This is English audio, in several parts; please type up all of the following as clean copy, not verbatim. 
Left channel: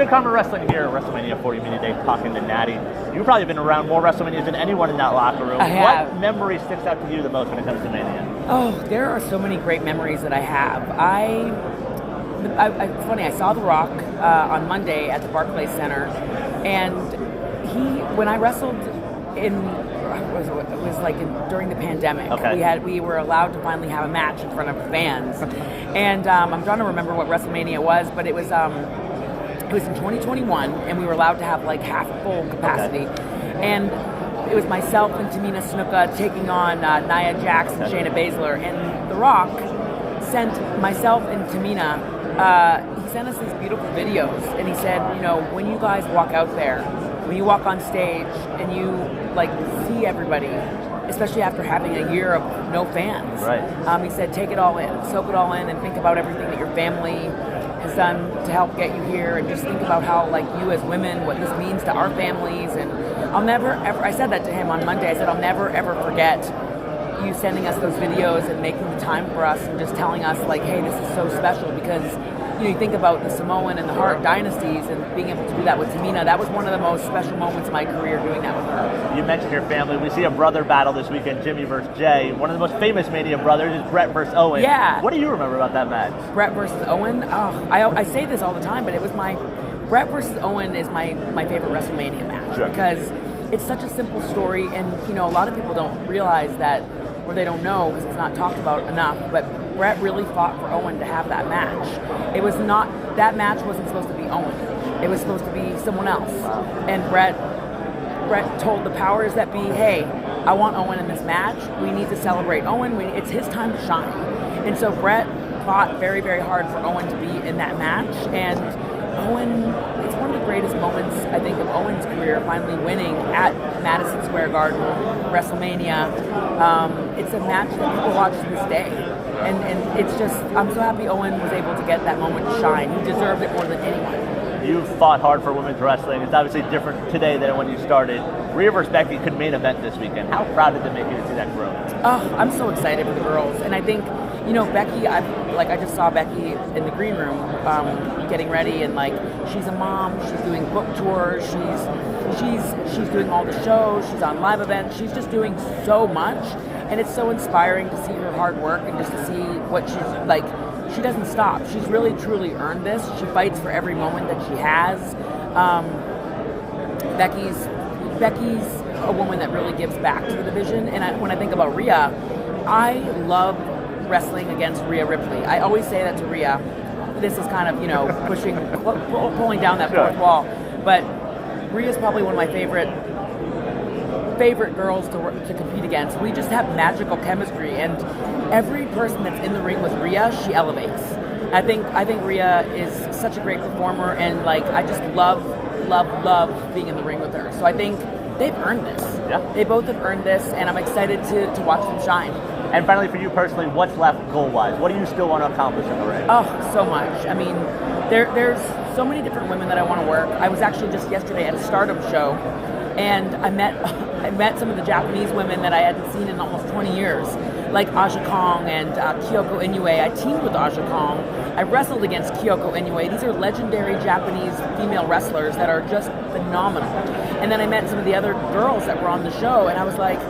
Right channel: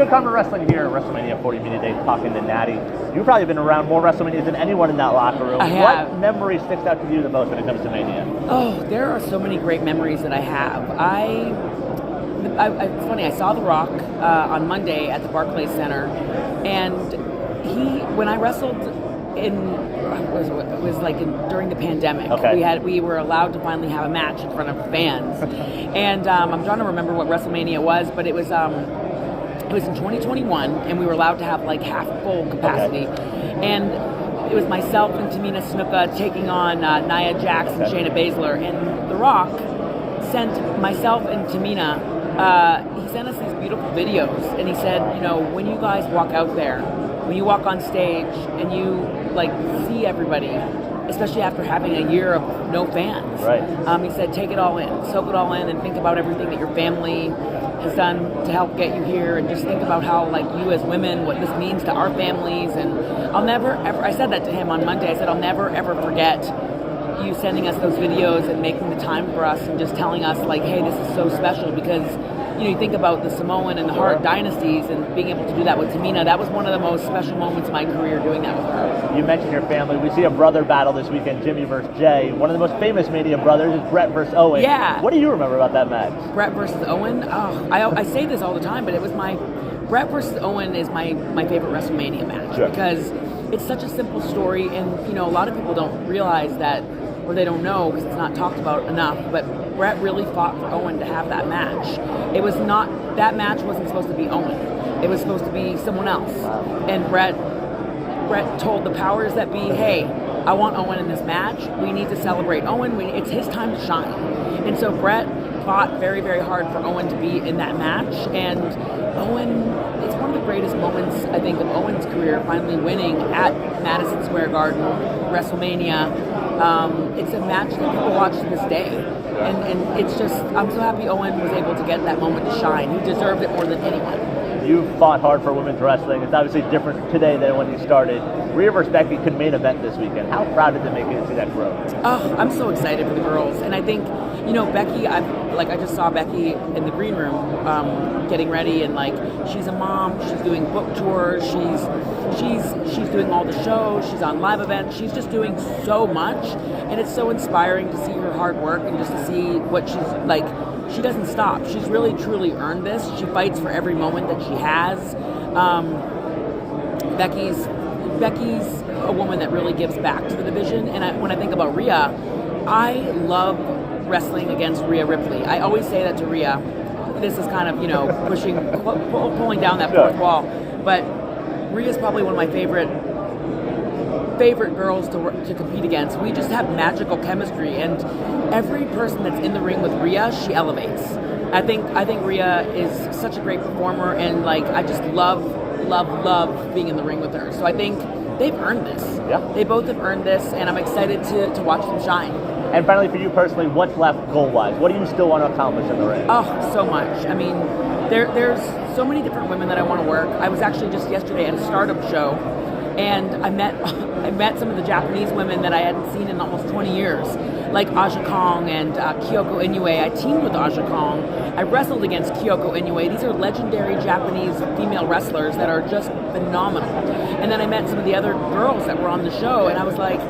Good Karma Wrestling here at WrestleMania 40 Media Day, talking to Natty. You've probably been around more WrestleManias than anyone in that locker room. I have. What memory sticks out to you the most when it comes to Mania? Oh, there are so many great memories that I have. It's funny, I saw The Rock on Monday at the Barclays Center, and when I wrestled during the pandemic. Okay. We were allowed to finally have a match in front of fans. And I'm trying to remember what WrestleMania was, but it was in 2021, and we were allowed to have like half full capacity. Okay. And it was myself and Tamina Snuka taking on Nia Jax and Shayna Baszler. And The Rock sent myself and Tamina, he sent us these beautiful videos, and he said, when you guys walk out there, when you walk on stage and you see everybody, especially after having a year of no fans. Right. He said, take it all in, soak it all in, and think about everything that your family has done to help get you here, and just think about how, you as women, what this means to our families. And I'll never, ever, I said that to him on Monday, I said, I'll never, ever forget you sending us those videos and making the time for us and just telling us, hey, this is so special, because you think about the Samoan and the Hart dynasties, and being able to do that with Tamina, that was one of the most special moments of my career, doing that with her. You mentioned your family. We see a brother battle this weekend, Jimmy versus Jay. One of the most famous Mania brothers is Bret versus Owen. Yeah. What do you remember about that match? Bret versus Owen? I say this all the time, but it was Bret versus Owen is my favorite WrestleMania match. Sure. Because it's such a simple story, and a lot of people don't realize that, or they don't know because it's not talked about enough, but Bret really fought for Owen to have that match. That match wasn't supposed to be Owen. It was supposed to be someone else. Wow. And Bret told the powers that be, hey, I want Owen in this match. We need to celebrate Owen. It's his time to shine. And so Bret fought very, very hard for Owen to be in that match. And Owen, it's one of the greatest moments, I think, of Owen's career, finally winning at Madison Square Garden, WrestleMania. It's a match that people watch to this day. And it's just, I'm so happy Owen was able to get that moment to shine. He deserved it more than anyone. You fought hard for women's wrestling. It's obviously different today than when you started. Rhea versus Becky could main event this weekend. How proud did it make you to see that growth? Oh, I'm so excited for the girls. And I think, Becky, I just saw Becky in the green room getting ready, and she's a mom, she's doing book tours, she's doing all the shows, she's on live events, she's just doing so much, and it's so inspiring to see her hard work and just to see what she's like. She doesn't stop. She's really, truly earned this. She fights for every moment that she has. Becky's a woman that really gives back to the division, and when I think about Rhea, I love wrestling against Rhea Ripley. I always say that to Rhea. This is kind of, pulling down that fourth wall. But Rhea's probably one of my favorite girls to compete against. We just have magical chemistry, and every person that's in the ring with Rhea, she elevates. I think Rhea is such a great performer, and I just love being in the ring with her. So I think they've earned this. Yeah. They both have earned this, and I'm excited to watch them shine. And finally, for you personally, what's left goal-wise? What do you still want to accomplish in the ring? Oh, so much. I mean, there's so many different women that I want to work. I was actually just yesterday at a Stardom show, and I met some of the Japanese women that I hadn't seen in almost 20 years, like Aja Kong and Kyoko Inoue. I teamed with Aja Kong. I wrestled against Kyoko Inoue. These are legendary Japanese female wrestlers that are just phenomenal. And then I met some of the other girls that were on the show, and I was like,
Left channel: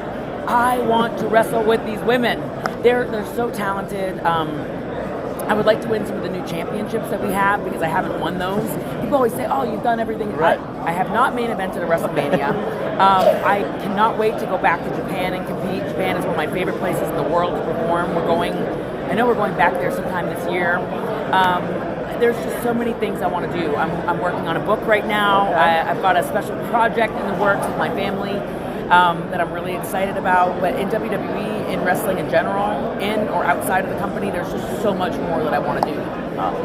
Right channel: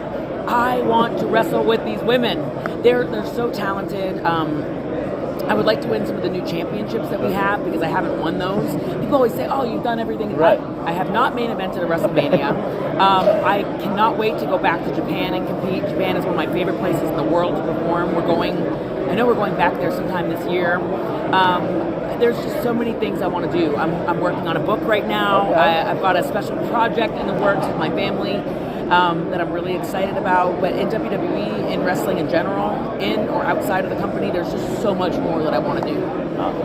I want to wrestle with these women. They're so talented. I would like to win some of the new championships that we have, because I haven't won those. People always say, oh, you've done everything. Right. I have not main evented a WrestleMania. I cannot wait to go back to Japan and compete. Japan is one of my favorite places in the world to perform. I know we're going back there sometime this year. There's just so many things I want to do. I'm working on a book right now. Okay. I've got a special project in the works with my family that I'm really excited about. But in WWE, in wrestling in general, in or outside of the company, there's just so much more that I want to do.